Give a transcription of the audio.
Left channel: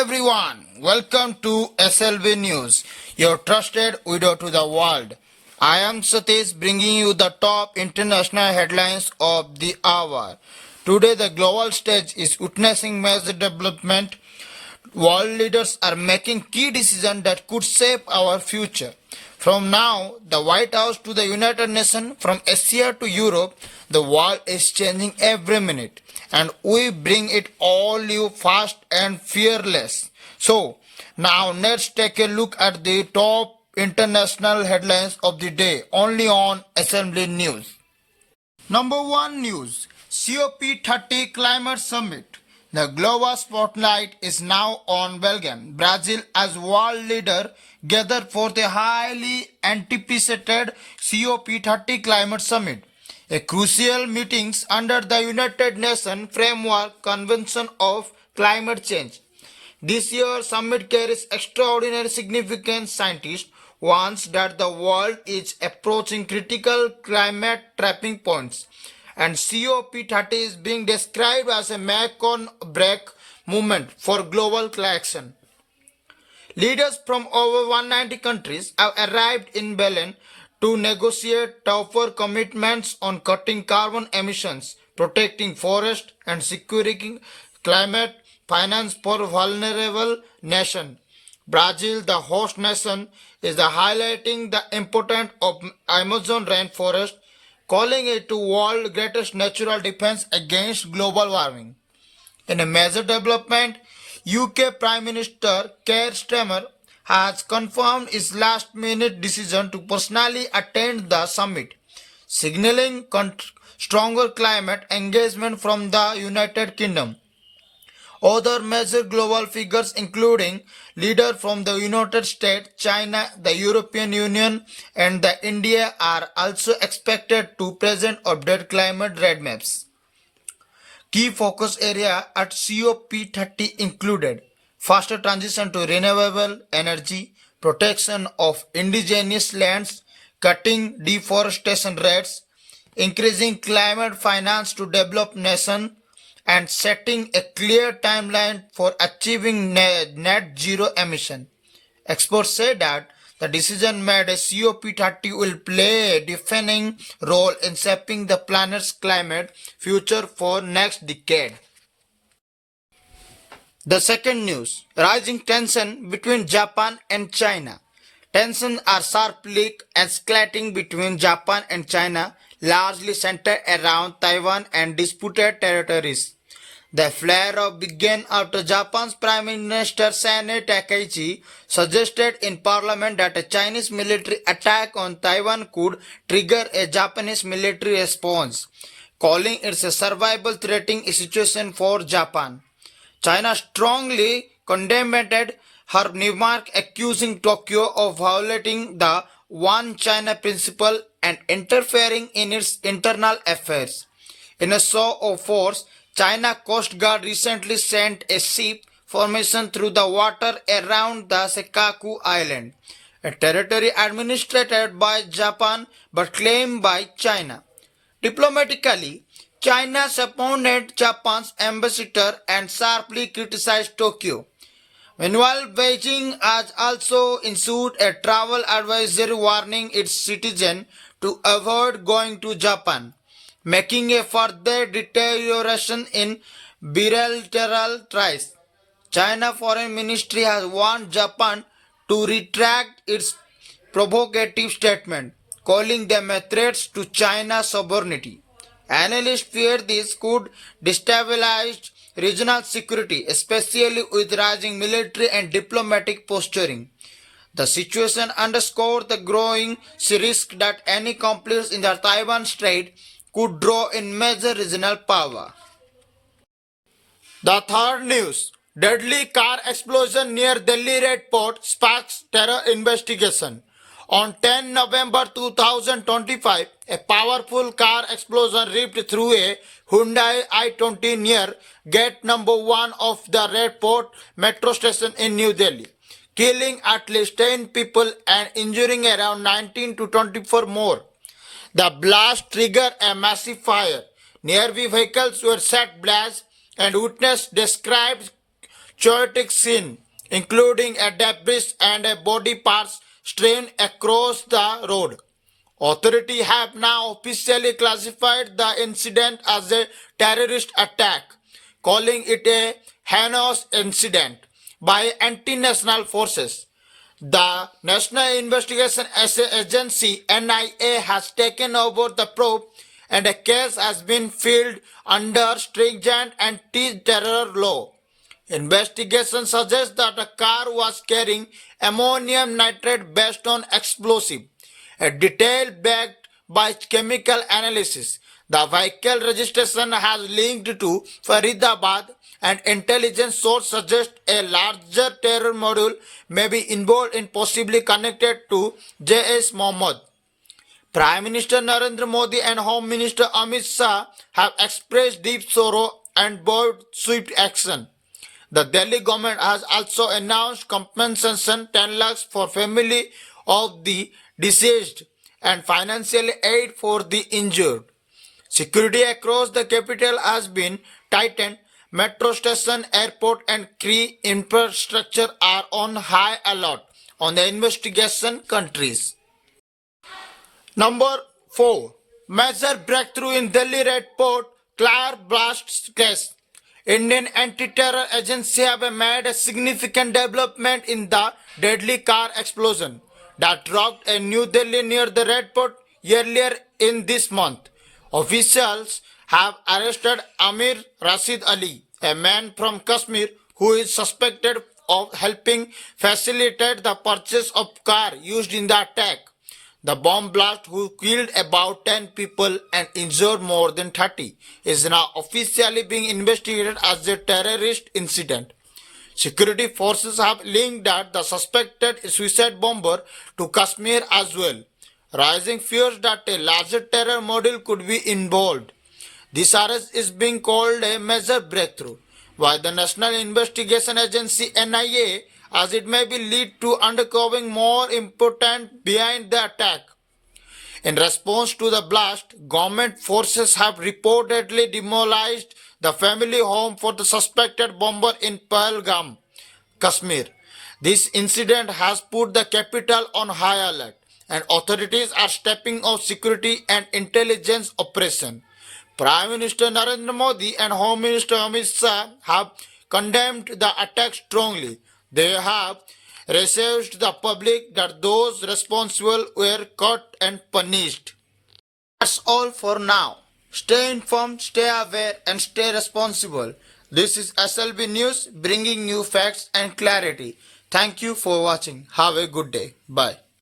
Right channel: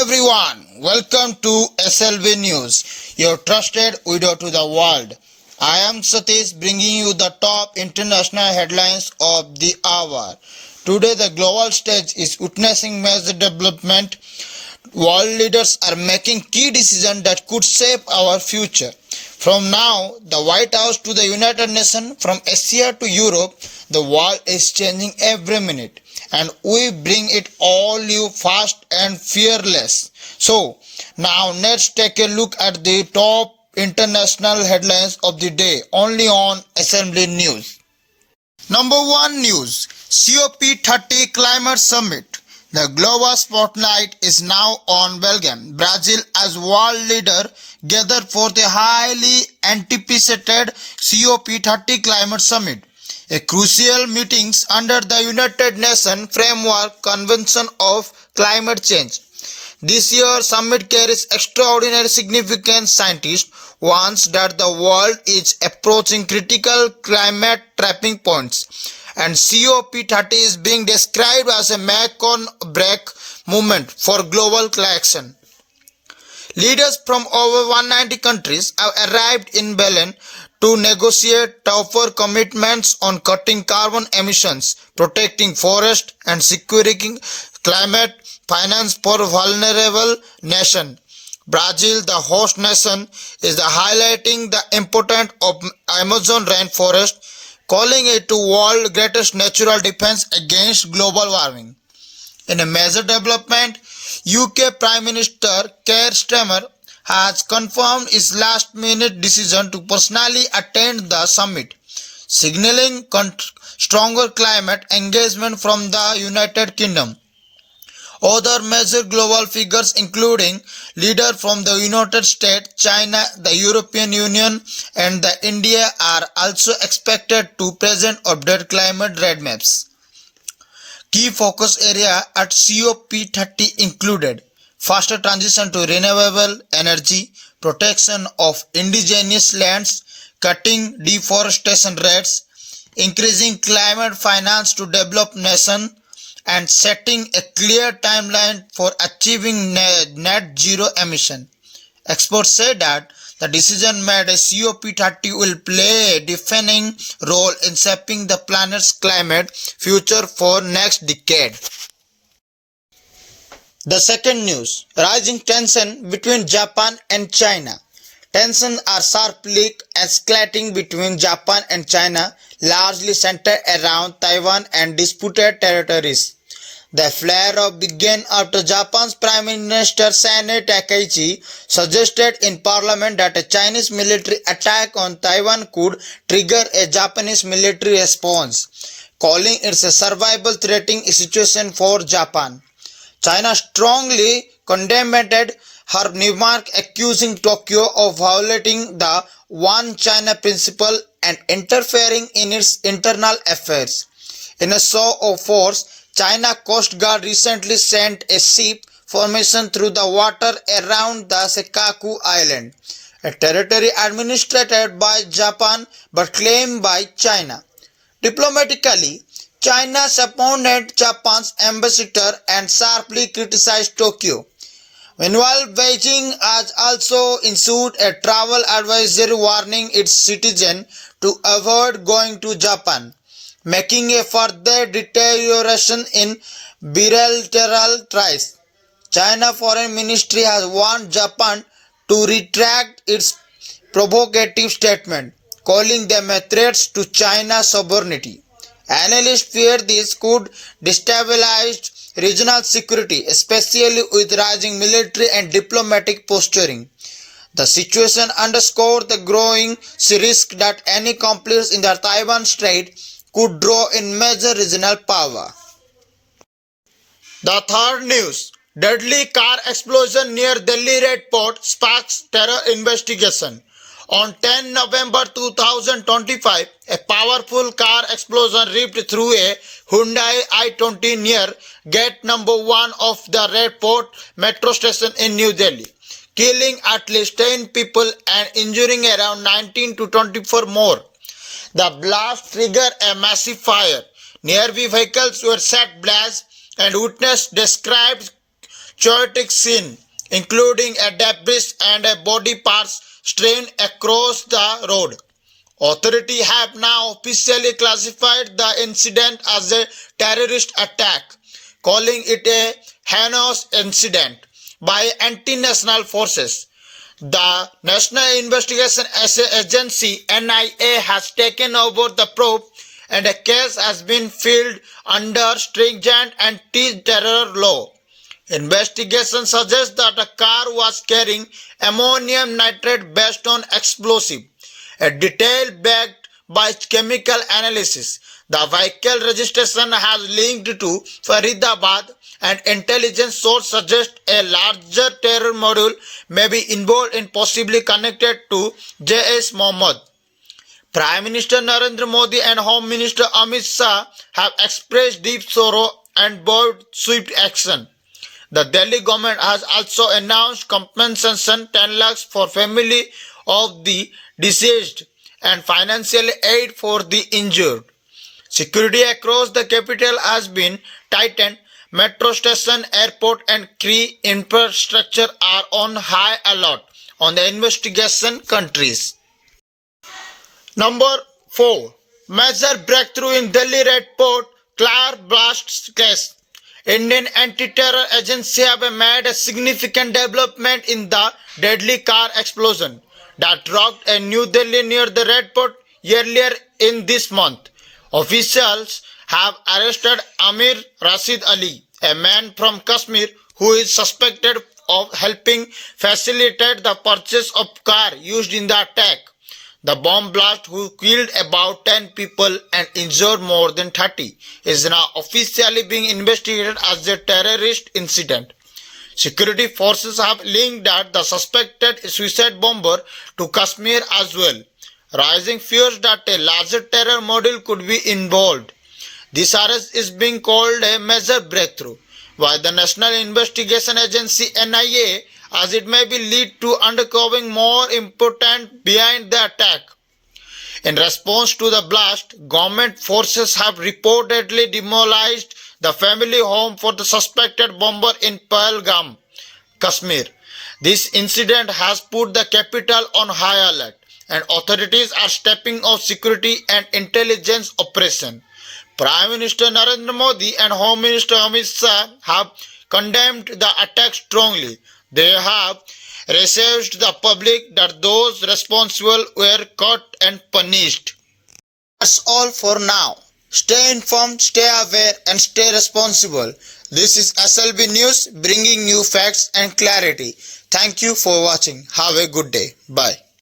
Everyone, welcome to s.l.b. News, your trusted window to the world. I am Satish bringing you the top international headlines of the hour. Today the global stage is witnessing major development. World leaders are making key decisions that could shape our future. From now, the White House to the United Nations, from Asia to Europe, the world is changing every minute. And we bring it all you fast and fearless. So, now let's take a look at the top international headlines of the day only on s.l.b. News. Number 1 news, COP30 Climate Summit. The global spotlight is now on Belgium, Brazil as world leader gathered for the highly anticipated COP30 Climate Summit, a crucial meeting under the United Nations Framework Convention of Climate Change. This year's summit carries extraordinary significance. Scientists warn that the world is approaching critical climate tipping points, and COP30 is being described as a make-or-break moment for global action. Leaders from over 190 countries have arrived in Berlin to negotiate tougher commitments on cutting carbon emissions, protecting forests, and securing climate finance for vulnerable nations. Brazil, the host nation, is highlighting the importance of Amazon rainforest, calling it the world's greatest natural defense against global warming. In a major development, UK Prime Minister Keir Starmer has confirmed his last-minute decision to personally attend the summit, signaling stronger climate engagement from the United Kingdom. Other major global figures including leaders from the United States, China, the European Union and India are also expected to present updated climate roadmaps. Key focus areas at COP30 included faster transition to renewable energy, protection of indigenous lands, cutting deforestation rates, increasing climate finance to developed nations, and setting a clear timeline for achieving net zero emission. Experts say that the decision made at COP30 will play a defining role in shaping the planet's climate future for next decade. The second news, rising tension between Japan and China. Tensions are sharply escalating between Japan and China, largely centered around Taiwan and disputed territories. The flare-up began after Japan's Prime Minister Sanae Takaichi suggested in Parliament that a Chinese military attack on Taiwan could trigger a Japanese military response, calling it a survival-threatening situation for Japan. China strongly condemned her remark, accusing Tokyo of violating the One China principle and interfering in its internal affairs. In a show of force, China Coast Guard recently sent a ship formation through the water around the Senkaku Island, a territory administered by Japan but claimed by China. Diplomatically, China supported Japan's ambassador and sharply criticized Tokyo. Meanwhile, Beijing has also issued a travel advisory warning its citizens to avoid going to Japan, making a further deterioration in bilateral ties. China Foreign Ministry has warned Japan to retract its provocative statement, calling them a threat to China's sovereignty. Analysts fear this could destabilize regional security, especially with rising military and diplomatic posturing. The situation underscores the growing risk that any conflict in the Taiwan Strait could draw in major regional power. The third news, deadly car explosion near Delhi Red Port sparks terror investigation. On 10 November 2025, a powerful car explosion ripped through a Hyundai i20 near gate number 1 of the Red Port metro station in New Delhi, killing at least 10 people and injuring around 19 to 24 more. The blast triggered a massive fire. Nearby vehicles were set ablaze and witnesses described chaotic scene, including a debris and a body parts strewn across the road. Authorities have now officially classified the incident as a terrorist attack, calling it a heinous incident by anti-national forces. The National Investigation Agency (NIA) has taken over the probe and a case has been filed under stringent anti-terror law. Investigation suggests that a car was carrying ammonium nitrate based on explosive, a detail backed by chemical analysis. The vehicle registration has linked to Faridabad, and intelligence source suggest a larger terror module may be involved in possibly connected to J.S. Mohammed. Prime Minister Narendra Modi and Home Minister Amit Shah have expressed deep sorrow and vowed swift action. The Delhi government has also announced compensation 10 lakhs for family of the deceased and financial aid for the injured. Security across the capital has been tightened. Metro station, airport and key infrastructure are on high alert on the investigation countries. Number 4. Major breakthrough in Delhi Red Port car blast case. Indian anti-terror agency have made a significant development in the deadly car explosion that rocked a New Delhi near the Red Port earlier in this month. Officials have arrested Amir Rashid Ali, a man from Kashmir who is suspected of helping facilitate the purchase of car used in the attack. The bomb blast, who killed about 10 people and injured more than 30, is now officially being investigated as a terrorist incident. Security forces have linked that the suspected suicide bomber to Kashmir as well, raising fears that a larger terror module could be involved. This arrest is being called a major breakthrough by the National Investigation Agency (NIA), as it may be lead to uncovering more important behind the attack. In response to the blast, government forces have reportedly demolished the family home for the suspected bomber in Pahalgam, Kashmir. This incident has put the capital on high alert, and authorities are stepping up security and intelligence operation. Prime Minister Narendra Modi and Home Minister Amit Shah have condemned the attack strongly. They have reassured the public that those responsible were caught and punished. That's all for now. Stay informed, stay aware and stay responsible. This is s.l.b. News bringing you facts and clarity. Thank you for watching. Have a good day. Bye.